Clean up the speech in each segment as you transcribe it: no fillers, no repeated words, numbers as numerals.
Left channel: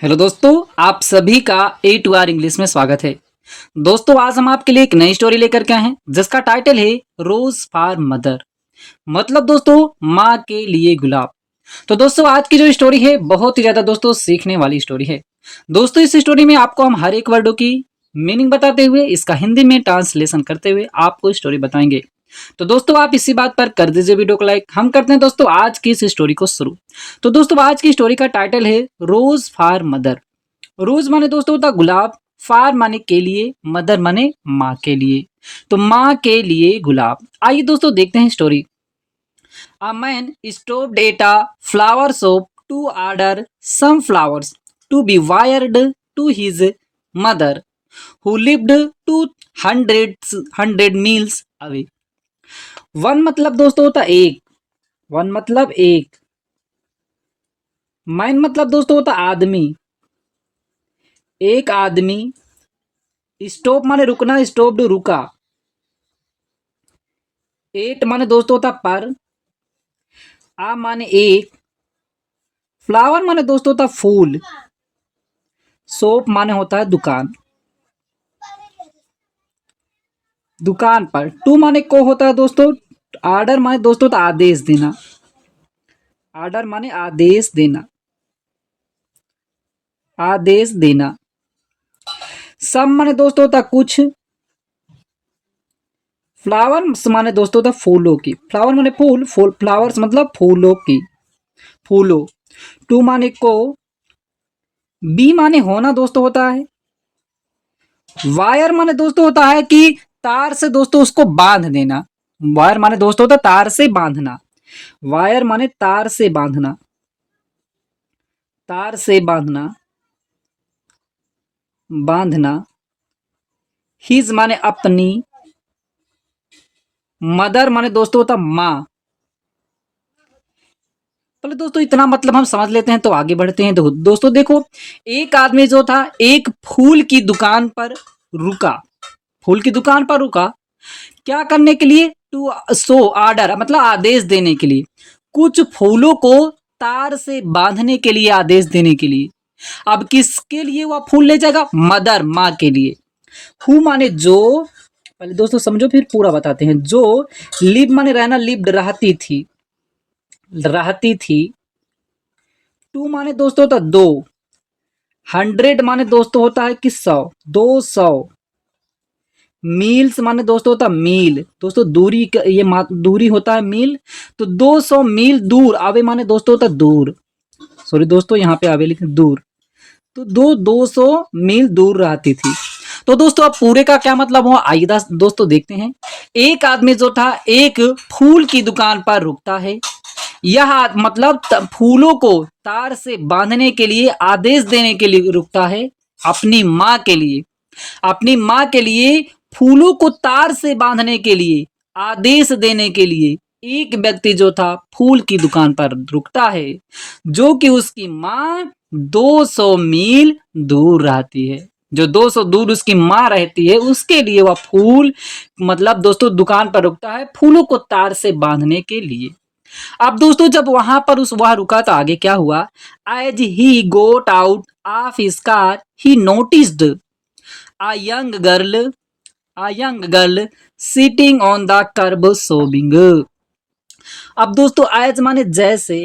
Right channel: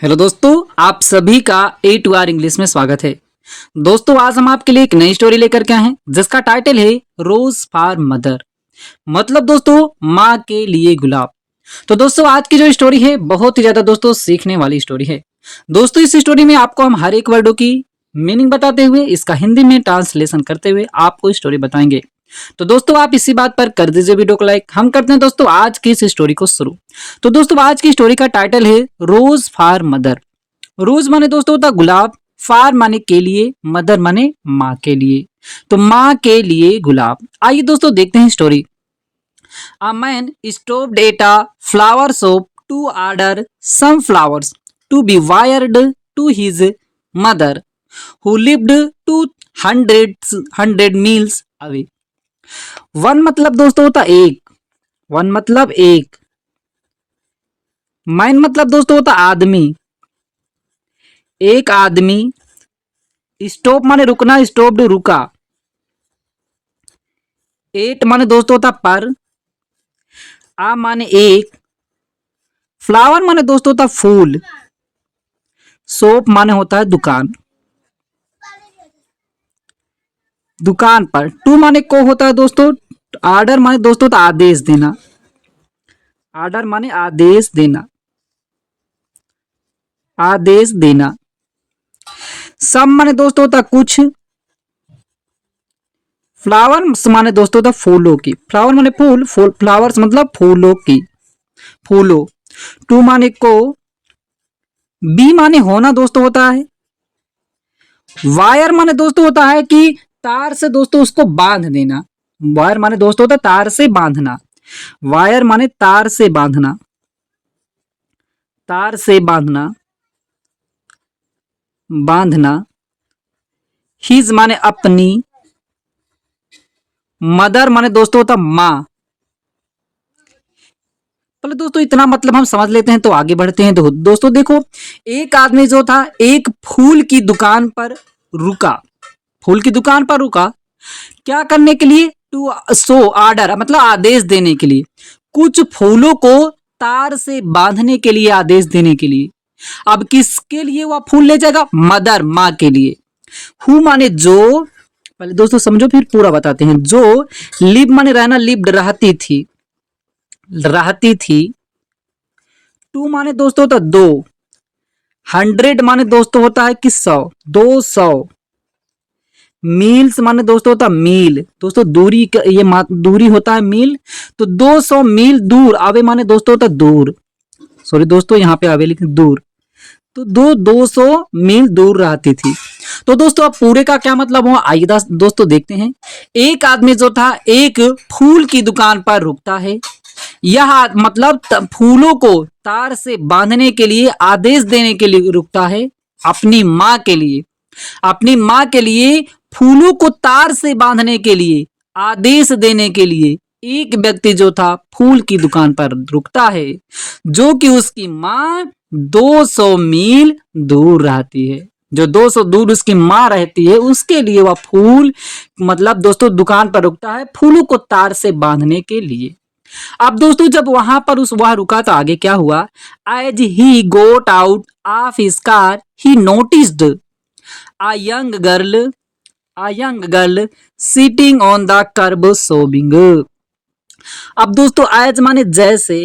Hello दोस्तों, आप सभी का A2R इंग्लिश में स्वागत है। दोस्तों, आज हम आपके लिए एक नई स्टोरी लेकर के आए हैं जिसका टाइटल है रोज फॉर मदर। मतलब दोस्तों, माँ के लिए गुलाब। तो दोस्तों, आज की जो स्टोरी है बहुत ही ज्यादा दोस्तों सीखने वाली स्टोरी है। दोस्तों, इस स्टोरी में आपको हम हर एक वर्डों की मीनिंग बताते हुए इसका हिंदी में ट्रांसलेशन करते हुए आपको स्टोरी बताएंगे। तो दोस्तों, आप इसी बात पर कर दीजिए वीडियो को लाइक। हम करते हैं दोस्तों आज की इस स्टोरी को शुरू। तो दोस्तों, आज की स्टोरी का टाइटल है रोज फॉर मदर। रोज माने दोस्तों होता गुलाब, फार माने के लिए, मदर माने माँ के लिए। तो माँ के लिए गुलाब। आइए दोस्तों देखते हैं story. A man stopped at a flower shop to order some flowers to be wired to his mother, who lived 200 miles away. One मतलब दोस्तों होता एक, वन मतलब एक, मैन मतलब दोस्तों होता आदमी, एक आदमी, स्टॉप माने रुकना, स्टॉप्ड रुका, एट माने दोस्तों होता पर, आ माने एक, फ्लावर माने दोस्तों होता फूल, शॉप माने होता है दुकान, दुकान पर। टू माने को होता है दोस्तों, ऑर्डर माने दोस्तों होता आदेश देना, ऑर्डर माने आदेश देना, आदेश देना। सम माने दोस्तों होता कुछ, फ्लावर्स माने दोस्तों होता फूलों की, फ्लावर माने फूल, फूल फ्लावर्स मतलब फूलों की, फूलों। टू माने को, बी माने होना दोस्तों होता है, वायर माने दोस्तों होता है कि तार से दोस्तों उसको बांध देना, वायर माने दोस्तों होता है तार से बांधना, वायर माने तार से बांधना, तार से बांधना, बांधना। हिज माने अपनी, मदर माने दोस्तों होता माँ। पहले दोस्तों इतना मतलब हम समझ लेते हैं तो आगे बढ़ते हैं। तो दोस्तों देखो, एक आदमी जो था एक फूल की दुकान पर रुका, फूल की दुकान पर रुका, क्या करने के लिए? टू सो ऑर्डर मतलब आदेश देने के लिए, कुछ फूलों को तार से बांधने के लिए, आदेश देने के लिए। अब किसके लिए वह फूल ले जाएगा? मदर, माँ के लिए। हु माने जो, पहले दोस्तों समझो फिर पूरा बताते हैं। जो, लिव माने रहना, लिव्ड रहती थी, रहती थी। टू माने दोस्तों होता दो, हंड्रेड माने दोस्तों होता है कि सौ, 200। मील्स माने दोस्तों होता मील, दोस्तों दूरी ये दूरी होता है मील। तो 200 मील दूर, आवे माने दोस्तों होता दूर, सॉरी दोस्तों यहाँ पे आवे लेकिन दूर। तो 200 मील दूर रहती थी। तो दोस्तों अब पूरे का क्या मतलब हुआ, आइए दोस्तों देखते हैं। एक आदमी जो था एक फूल की दुकान पर रुकता है, यह मतलब फूलों को तार से बांधने के लिए, आदेश देने के लिए रुकता है अपनी माँ के लिए, अपनी माँ के लिए फूलों को तार से बांधने के लिए, आदेश देने के लिए एक व्यक्ति जो था फूल की दुकान पर रुकता है, जो कि उसकी माँ 200 मील दूर रहती है। जो 200 दूर उसकी माँ रहती है, उसके लिए वह फूल मतलब दोस्तों दुकान पर रुकता है फूलों को तार से बांधने के लिए। अब दोस्तों जब वहां पर वह रुका तो आगे क्या हुआ? As he got out of his car he noticed a young girl, a young girl sitting on the curb sobbing. अब दोस्तों एज माने जैसे,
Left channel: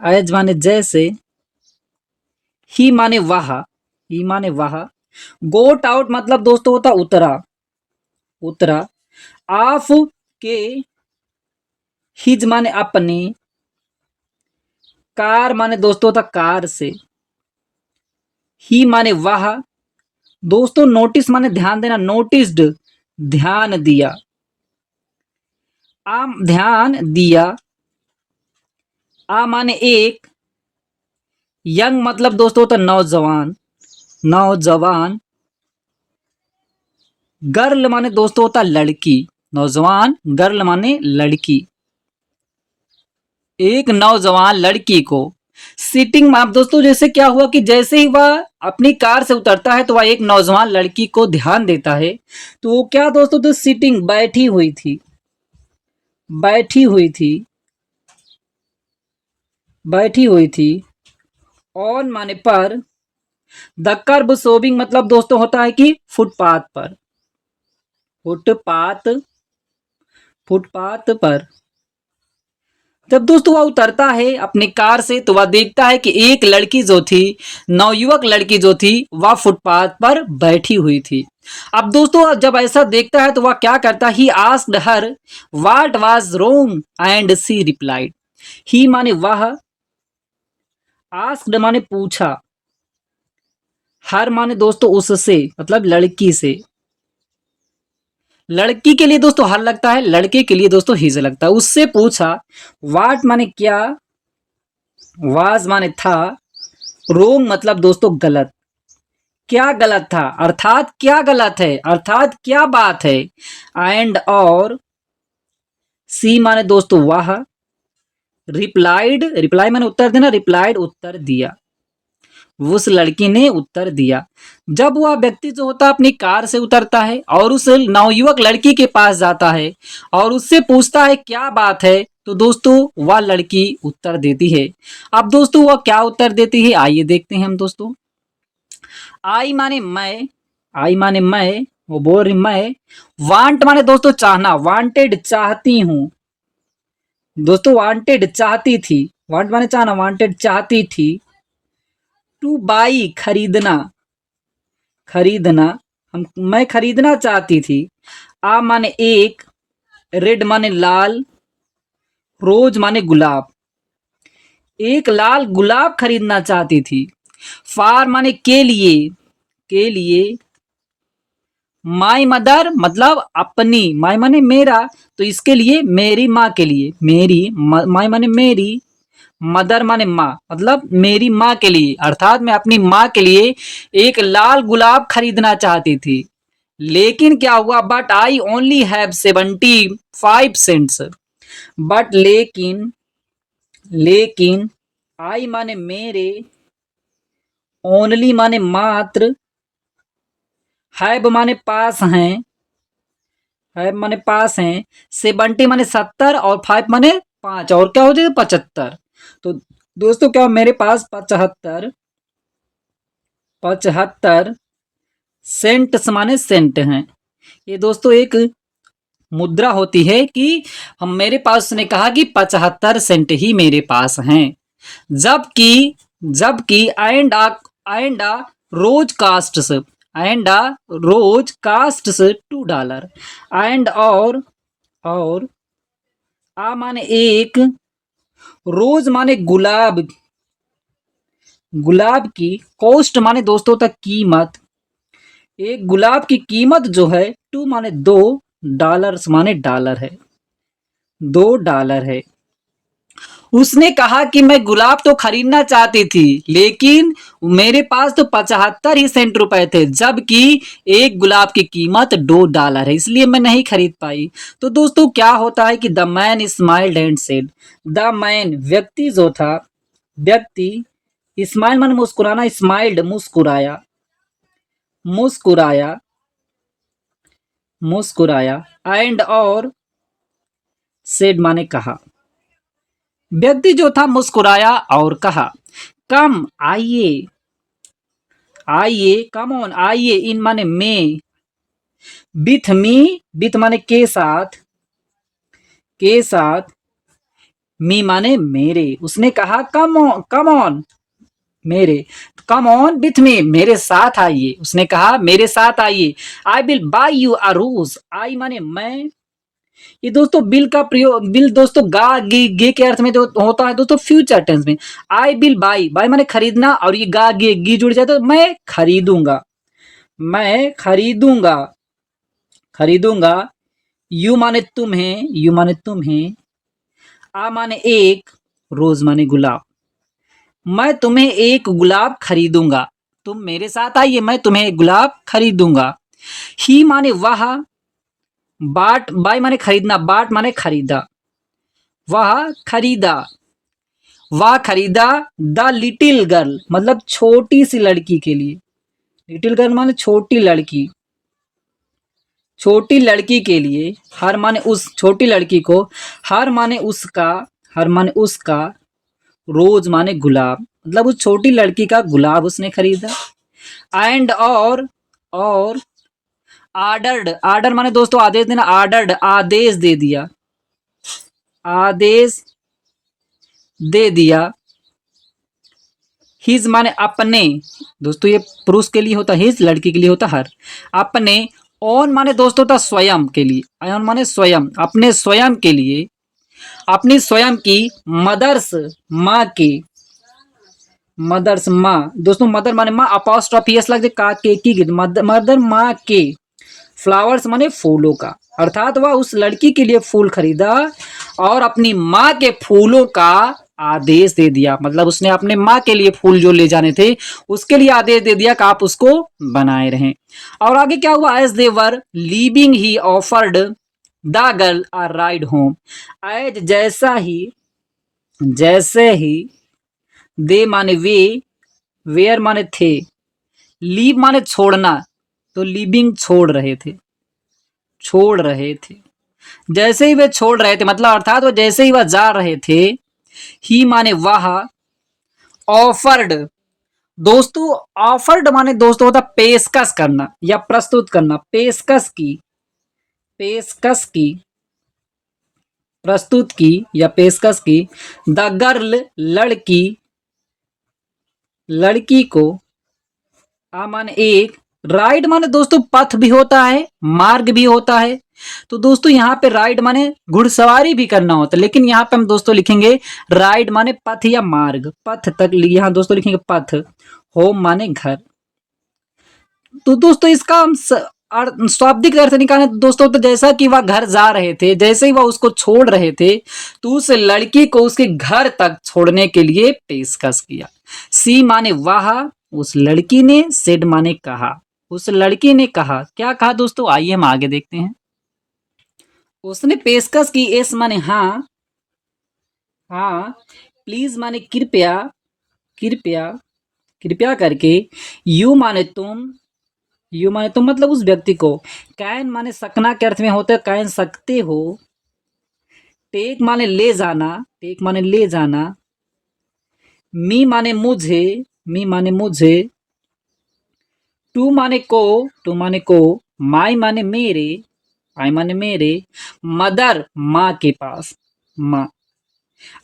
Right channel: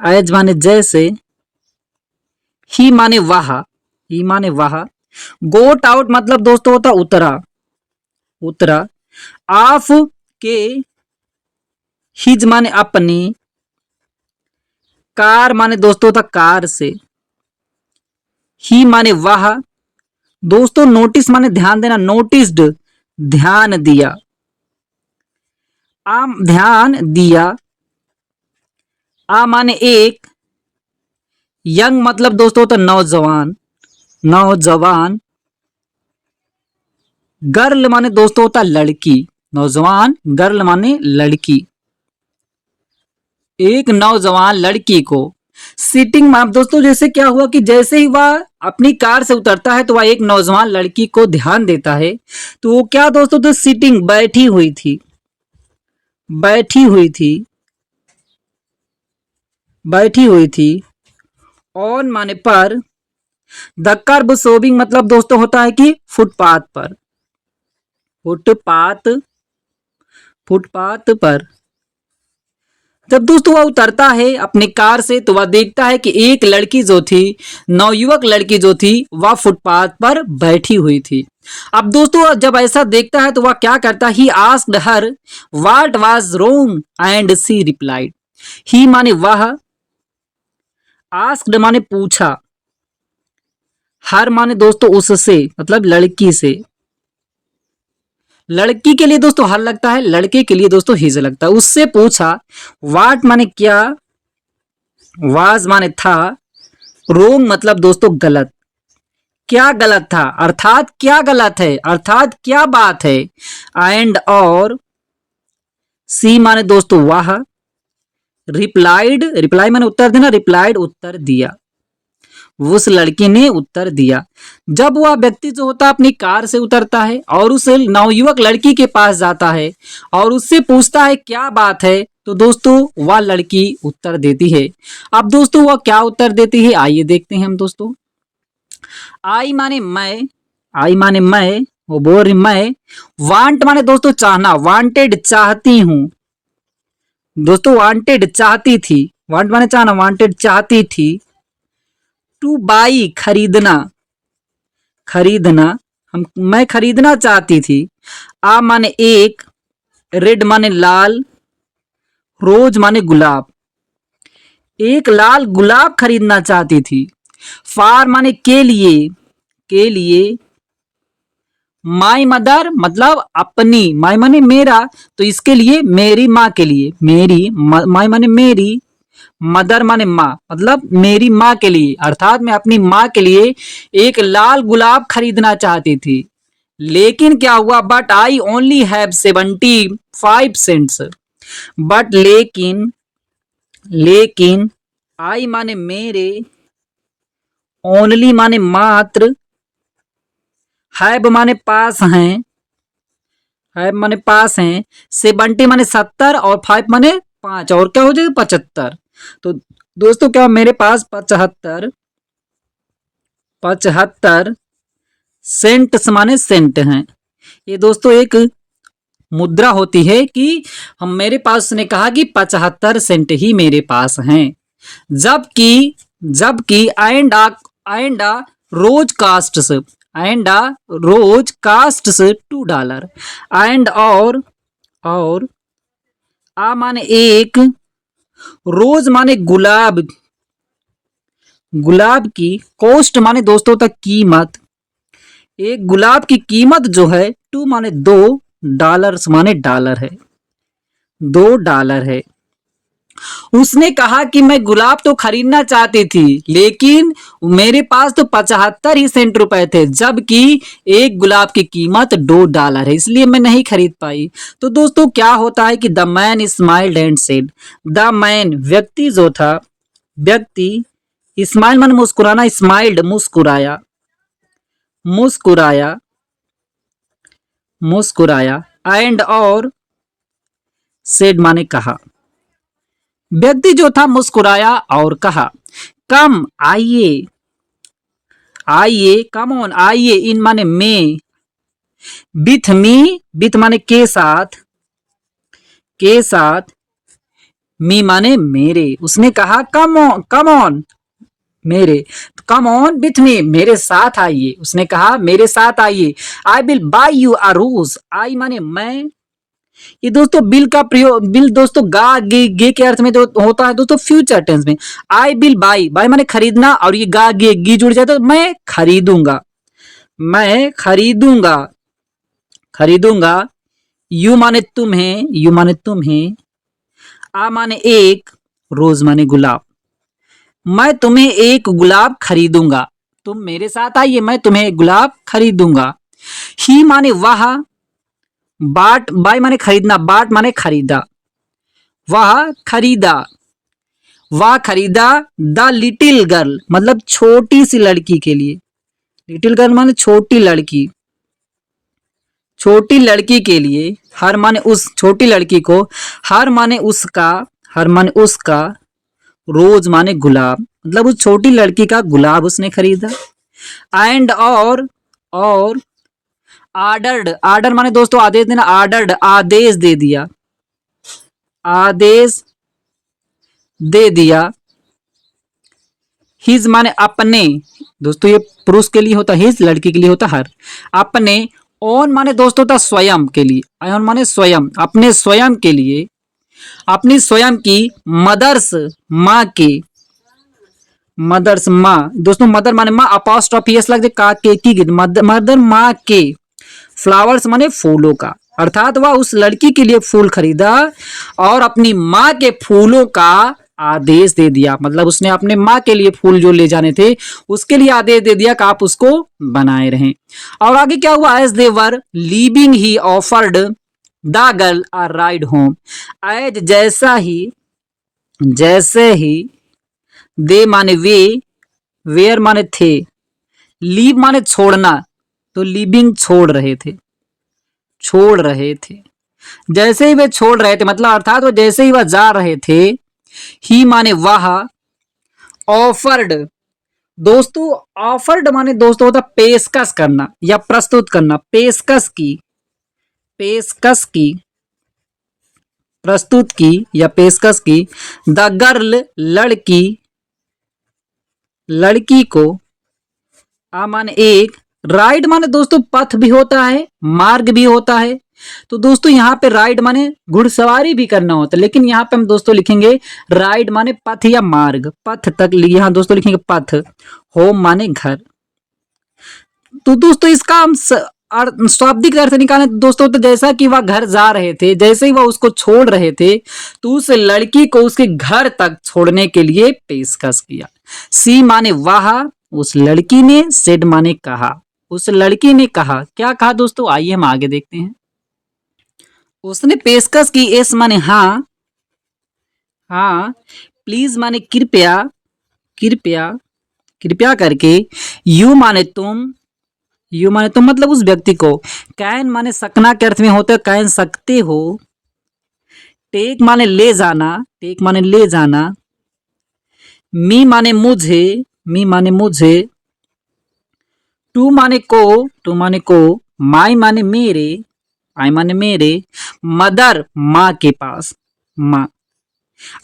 एज माने जैसे, ही माने वह, ही माने वह, गोट आउट मतलब दोस्तों होता उतरा, उतरा, ऑफ के, हिज माने अपनी, कार माने दोस्तों होता कार से, ही माने वह, दोस्तों नोटिस माने ध्यान देना, नोटिस्ड ध्यान दिया, आम ध्यान दिया, आ माने एक, यंग मतलब दोस्तों तो नौजवान, नौजवान, गर्ल माने दोस्तों होता लड़की, नौजवान गर्ल माने लड़की, एक नौजवान लड़की को। सिटिंग में दोस्तों जैसे क्या हुआ कि जैसे ही वह अपनी कार से उतरता है तो वह एक नौजवान लड़की को ध्यान देता है। तो वो क्या दोस्तों, तो सिटिंग बैठी हुई थी, बैठी हुई थी, बैठी हुई थी, ऑन माने पर, द कर्ब सोबिंग मतलब दोस्तों होता है कि फुटपाथ पर, फुटपाथ, फुटपाथ पर जब दोस्तों वह उतरता है अपनी कार से तो वह देखता है कि एक लड़की जो थी, नवयुवक लड़की जो थी, वह फुटपाथ पर बैठी हुई थी। अब दोस्तों जब ऐसा देखता है तो वह क्या करता है, he asked her what was wrong and she replied. He माने वह, आस्क्ड माने पूछा, हर माने दोस्तों उससे मतलब लड़की से, लड़की के लिए दोस्तों हर लगता है, लड़के के लिए दोस्तों हिज लगता है। उससे पूछा, वाट माने क्या, वाज माने था, रोंग मतलब दोस्तों गलत, क्या गलत था अर्थात क्या गलत है, अर्थात क्या बात है। एंड और सी माने दोस्तों वह, रिप्लाइड, रिप्लाई माने उत्तर देना, रिप्लाइड उत्तर दिया, उस लड़की ने उत्तर दिया। जब वह व्यक्ति जो होता है अपनी कार से उतरता है और उस नवयुवक लड़की के पास जाता है और उससे पूछता है क्या बात है, तो दोस्तों वह लड़की उत्तर देती है। अब दोस्तों वह क्या उत्तर देती है आइए देखते हैं हम दोस्तों। आई माने मैं, आई माने मैं, वो बोल रही मैं, वांट माने दोस्तों चाहना, वांटेड चाहती हूं, दोस्तों वांटेड चाहती थी, वांट माने चाहना, वांटेड चाहती थी, टू बाई खरीदना, खरीदना, हम मैं खरीदना चाहती थी। आ माने एक, रेड माने लाल, रोज माने गुलाब, एक लाल गुलाब खरीदना चाहती थी। फार माने के लिए, के लिए, माई मदर मतलब अपनी, माई माने मेरा, तो इसके लिए मेरी माँ के लिए, मेरी माई माने मेरी, मदर माने माँ मतलब मेरी माँ के लिए, अर्थात मैं अपनी माँ के लिए एक लाल गुलाब खरीदना चाहती थी। लेकिन क्या हुआ, but I only have 75 cents, but लेकिन, लेकिन आई माने मेरे, ओनली माने मात्र, हैव माने पास हैं, हैव माने पास हैं, 70 माने 70 और 5 माने 5 और क्या हो जाएगा 75। तो दोस्तों क्या मेरे पास 75, 75 सेंट माने सेंट हैं। ये दोस्तों एक मुद्रा होती है कि हम मेरे पास, उसने कहा कि 75 सेंट ही मेरे पास हैं। जबकि, जबकि and rose costs, and rose costs $2, and और आ माने एक, रोज माने गुलाब, गुलाब की, कॉस्ट माने दोस्तों तक कीमत, एक गुलाब की कीमत जो है, टू माने दो, डॉलर्स माने डॉलर है, $2 है। उसने कहा कि मैं गुलाब तो खरीदना चाहती थी लेकिन मेरे पास तो 75 ही सेंट रुपए थे, जबकि एक गुलाब की कीमत $2 है, इसलिए मैं नहीं खरीद पाई। तो दोस्तों क्या होता है कि the man smiled and said, the man व्यक्ति जो था, व्यक्ति, स्माइल मन मुस्कुराना, स्माइल्ड मुस्कुराया, मुस्कुराया, मुस्कुराया, एंड और सेड माने कहा, व्यक्ति जो था मुस्कुराया और कहा, कम आइए, आइए, कम ऑन आइए, इन माने में, विथ मी, विथ माने के साथ, के साथ, मी माने मेरे, उसने कहा कम ऑन मेरे, कम ऑन विथ मी, मेरे साथ आइए, उसने कहा मेरे साथ आइए। I will buy you a rose, I माने मैं, ये दोस्तों बिल का प्रयोग, बिल दोस्तों गा गे गे के अर्थ में जो होता है दोस्तों फ्यूचर टेंस में। आई विल बाई, बाई माने खरीदना और ये गा गे गी जुड़ जाए तो मैं खरीदूंगा, मैं खरीदूंगा, खरीदूंगा। यू माने तुम्हें, यू माने तुम्हें, आ माने एक, रोज माने गुलाब, मैं तुम्हें एक गुलाब खरीदूंगा, तुम मेरे साथ आइए मैं तुम्हें एक गुलाब खरीदूंगा। ही माने वह, बाट बाय माने खरीदना, बाट माने खरीदा, वह खरीदा, वह खरीदा, द लिटिल गर्ल मतलब छोटी सी लड़की के लिए, लिटिल गर्ल माने छोटी लड़की, छोटी लड़की के लिए, हर माने उस छोटी लड़की को, हर माने उसका, हर माने उसका, रोज माने गुलाब मतलब उस छोटी लड़की का गुलाब उसने खरीदा। एंड और आर्डर्ड, आर्डर माने दोस्तों आदेश देना, आर्डर्ड आदेश दे दिया, आदेश दे दिया, हिज माने अपने, दोस्तों ये पुरुष के लिए होता है, हिज लड़की के लिए होता है हर, अपने, ओन माने दोस्तों होता स्वयं के लिए, ओन माने स्वयं, अपने स्वयं के लिए, अपनी स्वयं की, मदर्स माँ के, मदर्स माँ, दोस्तों मदर माने माँ, अपोस्ट्रोफी एस लग जाए का के की, मदर माँ के, फ्लावर्स माने फूलों का, अर्थात वह उस लड़की के लिए फूल खरीदा और अपनी माँ के फूलों का आदेश दे दिया, मतलब उसने अपने माँ के लिए फूल जो ले जाने थे उसके लिए आदेश दे दिया कि आप उसको बनाए रहें। और आगे क्या हुआ, as they were leaving he offered the girl a ride home, as जैसा ही, जैसे ही, दे माने वे, वेयर माने थे, लीव माने छोड़ना, तो लिविंग छोड़ रहे थे, छोड़ रहे थे, जैसे ही वे छोड़ रहे थे मतलब अर्थात वो जैसे ही वह जा रहे थे, ही माने वह, ऑफर्ड, दोस्तों ऑफर्ड माने दोस्तों होता पेशकश करना या प्रस्तुत करना, पेशकश की, पेशकश की, प्रस्तुत की या पेशकश की, द गर्ल लड़की, लड़की को, आ माने एक, राइड माने दोस्तों पथ भी होता है, मार्ग भी होता है, तो दोस्तों यहाँ पे राइड माने घुड़सवारी भी करना होता है, लेकिन यहाँ पे हम दोस्तों लिखेंगे राइड माने पथ या मार्ग, पथ तक यहाँ दोस्तों लिखेंगे पथ, होम माने घर। तो दोस्तों इसका हम शाब्दिक अर्थ निकालें तो दोस्तों, तो जैसा कि वह घर जा रहे थे, जैसे ही वह उसको छोड़ रहे थे, तो उस लड़की को उसके घर तक छोड़ने के लिए पेशकश किया। सी माने वह, उस लड़की ने, सेड माने कहा, उस लड़की ने कहा, क्या कहा दोस्तों, आइए हम आगे देखते हैं। उसने पेशकश की, एस माने हाँ, हाँ, प्लीज माने कृपया, कृपया, कृपया करके, यू माने तुम, यू माने तुम मतलब उस व्यक्ति को, कैन माने सकना के अर्थ में होता है, कैन सकते हो, टेक माने ले जाना, टेक माने ले जाना, मी माने मुझे, मी माने मुझे, टू माने को, टू माने को, माई माने मेरे, आई माने मेरे, मदर माँ के पास, माँ,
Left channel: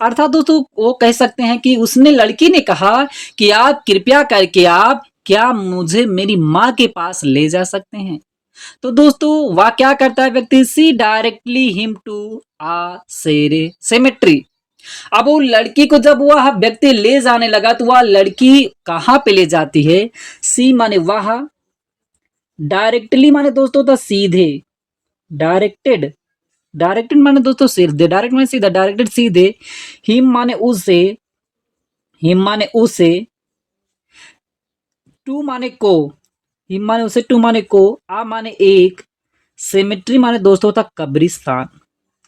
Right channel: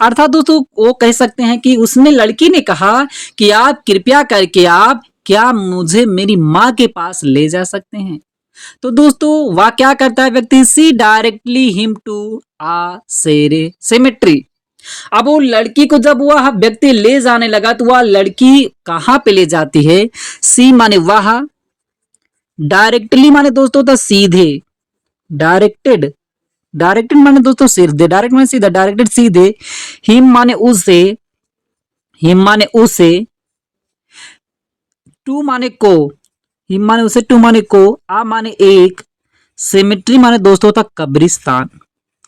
अर्थात दोस्तों वो कह सकते हैं कि उसने, लड़की ने कहा कि आप कृपया करके आप क्या मुझे मेरी माँ के पास ले जा सकते हैं। तो दोस्तों वह क्या करता है व्यक्ति, see directly him to a cemetery, अब वो लड़की को जब वह व्यक्ति ले जाने लगा तो वह लड़की कहां पे ले जाती है, सी माने वह, डायरेक्टली माने दोस्तों तो सीधे, डायरेक्टेड, डायरेक्टेड माने दोस्तों सीधे, डायरेक्ट माने सीधा, डायरेक्टेड सीधे, हिम माने उसे, हिम माने उसे, टू माने को, हिम माने उसे, टू माने को, आ माने एक, सेमेट्री माने दोस्तों होता कब्रिस्तान,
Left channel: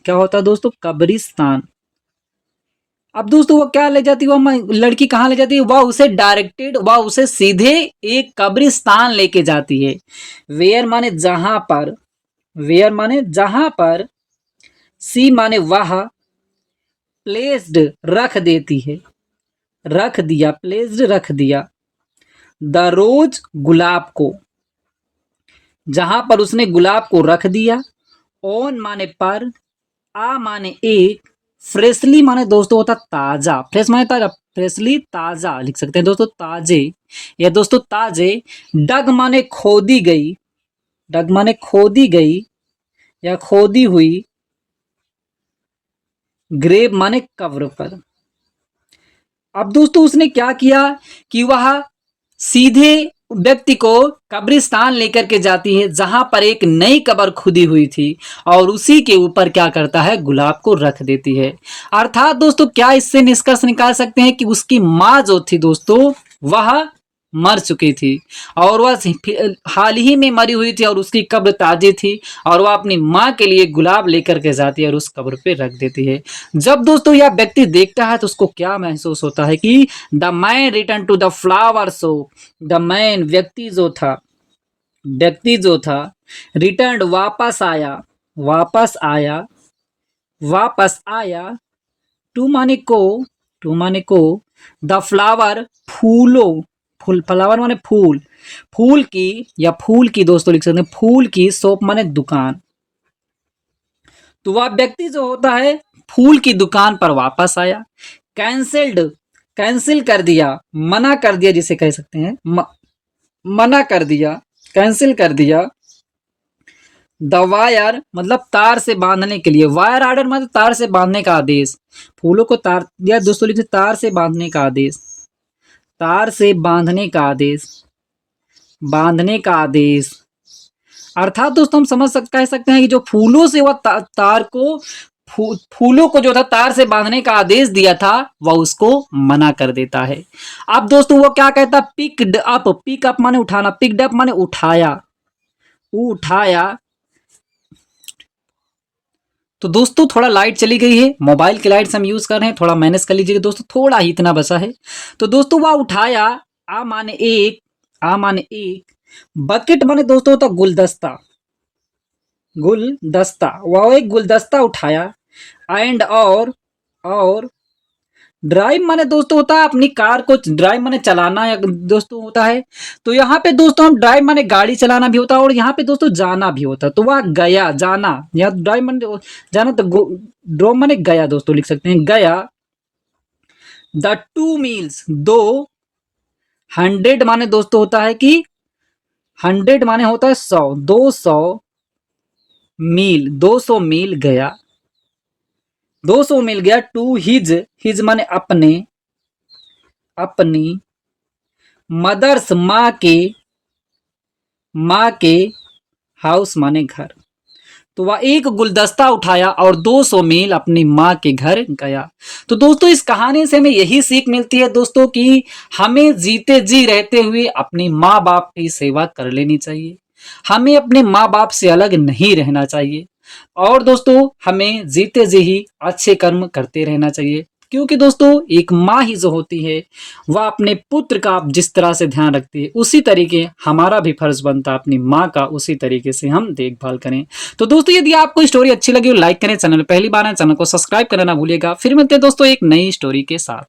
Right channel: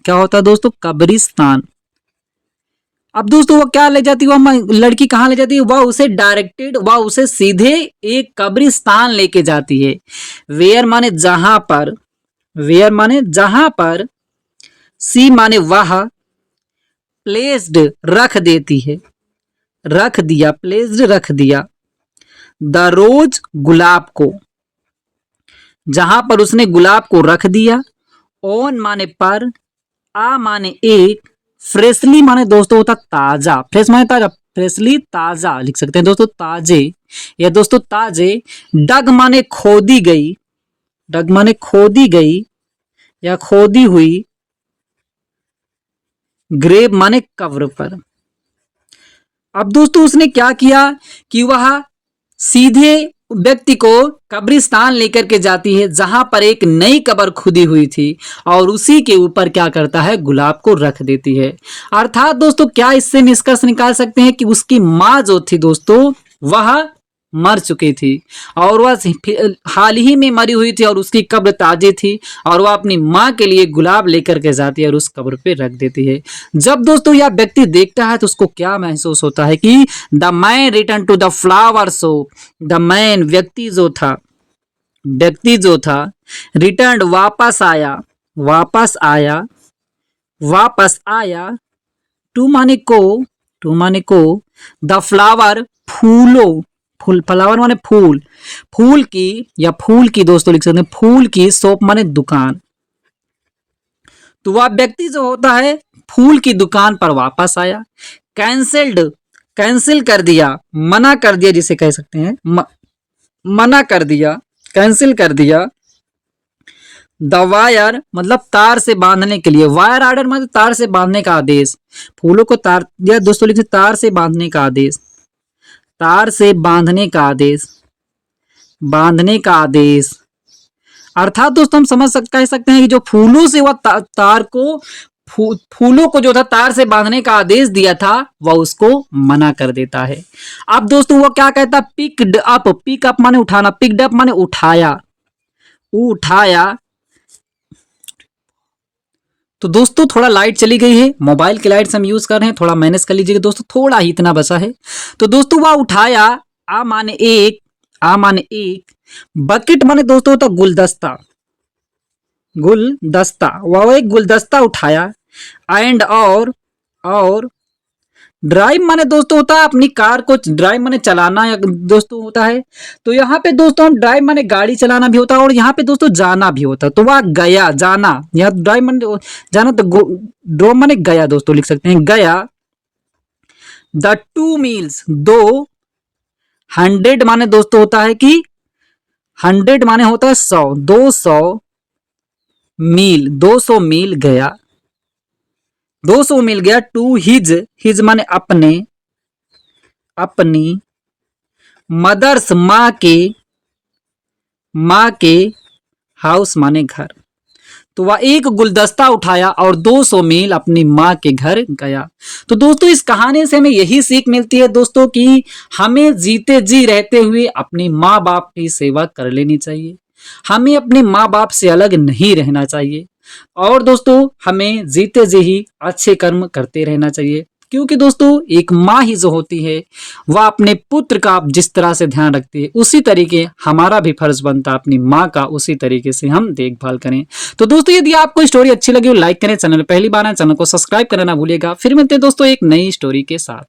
क्या होता है दोस्तों, कब्रिस्तान। अब दोस्तों वो क्या ले जाती है, वह लड़की कहाँ ले जाती है, वह उसे डायरेक्टेड, वह उसे सीधे एक कब्रिस्तान लेके जाती है, वेयर माने जहां पर, वेयर माने जहां पर, सी माने वह, प्लेस्ड रख देती है, रख दिया, प्लेस्ड रख दिया, द रोज गुलाब को, जहां पर उसने गुलाब को रख दिया, ऑन माने पर, आ माने एक, फ्रेशली माने दोस्तों होता ताजा, फ्रेश माने ताजा, फ्रेशली ताजा लिख सकते हैं दोस्तों, ताजे या दोस्तों ताजे, डग माने खोदी गई, डग माने खोदी गई या खोदी हुई, ग्रेव माने कब्र पर। अब दोस्तों उसने क्या किया कि वह सीधे व्यक्ति को कब्रिस्तान लेकर के जाती है जहां पर एक नई कब्र खुदी हुई थी और उसी के ऊपर क्या करता है, गुलाब को रख देती है। अर्थात दोस्तों क्या इससे निष्कर्ष निकाल सकते हैं कि उसकी माँ जो थी दोस्तों वह मर चुकी थी और वह हाल ही में मरी हुई थी और उसकी कब्र ताजी थी और वह अपनी माँ के लिए गुलाब लेकर के जाती है और उस कब्र पे रख देती है। जब दोस्तों यह व्यक्ति देखता है तो उसको क्या महसूस होता है कि the man return to the flower show, the man व्यक्ति जो था, व्यक्ति जो था, रिटर्न वापस आया, वापस आया, वापस आया, टू माने को, टू माने को, द फ्लावर फूलों, फूल, फ्लावर माने फूल, फूल की या फूल की दोस्तों लिख सकते हैं, फूल की शॉप माने दुकान। तो वह व्यक्ति जो होता है फूल की दुकान पर वापस आया। कैंसिल्ड, कैंसिल कर दिया, मना कर दिया जिसे कह सकते हैं, मना कर दिया, कैंसिल कर दिया। द वायर मतलब तार से बांधने के लिए, वायर आर्डर मतलब तार से बांधने का आदेश, फूलों को तार या दोस्तों लिखिए तार से बांधने का आदेश, तार से बांधने का आदेश, बांधने का आदेश। अर्थात दोस्तों हम कह सकते हैं कि जो फूलों से वह तार को फूलों को जो था तार से बांधने का आदेश दिया था वह उसको मना कर देता है। अब दोस्तों वो क्या कहता है, पिकड अप, पिक अप माने उठाना, पिकड अप माने उठाया, उठाया। तो दोस्तों थोड़ा लाइट चली गई है, मोबाइल की लाइट हम यूज कर रहे हैं, थोड़ा मैनेज कर लीजिएगा दोस्तों, थोड़ा ही इतना बचा है। तो दोस्तों वह उठाया, आ माने एक, आ माने एक, बकेट माने दोस्तों होता गुलदस्ता, गुलदस्ता, वह एक गुलदस्ता उठाया। एंड और ड्राइव माने दोस्तों होता है अपनी कार को, ड्राइव माने चलाना या दोस्तों होता है। तो यहाँ पे दोस्तों हम ड्राइव माने गाड़ी चलाना भी होता है और यहाँ पे दोस्तों जाना भी होता है। तो वह गया, जाना, यहाँ ड्राइव माने जाना, तो ड्रो माने गया दोस्तों लिख सकते हैं, गया। द 2 मील्स, 2, 100 माने दोस्तों होता है कि 100 माने होता है 100, 200 मील, 200 मील गया, 200 मील गया। टू हिज, हिज माने अपने, अपनी, मदर्स माँ के, माँ के, हाउस माने घर। तो वह एक गुलदस्ता उठाया और 200 मील अपनी माँ के घर गया। तो दोस्तों इस कहानी से हमें यही सीख मिलती है दोस्तों कि हमें जीते जी रहते हुए अपने माँ बाप की सेवा कर लेनी चाहिए, हमें अपने माँ बाप से अलग नहीं रहना चाहिए और दोस्तों हमें जीते जी ही अच्छे कर्म करते रहना चाहिए। क्योंकि दोस्तों एक माँ ही जो होती है वह अपने पुत्र का जिस तरह से ध्यान रखती है उसी तरीके हमारा भी फर्ज बनता है अपनी माँ का उसी तरीके से हम देखभाल करें। तो दोस्तों यदि आपको स्टोरी अच्छी लगी हो लाइक करें, चैनल पहली बार है चैनल को सब्सक्राइब करना ना भूलिएगा। फिर मिलते हैं दोस्तों एक नई स्टोरी के साथ।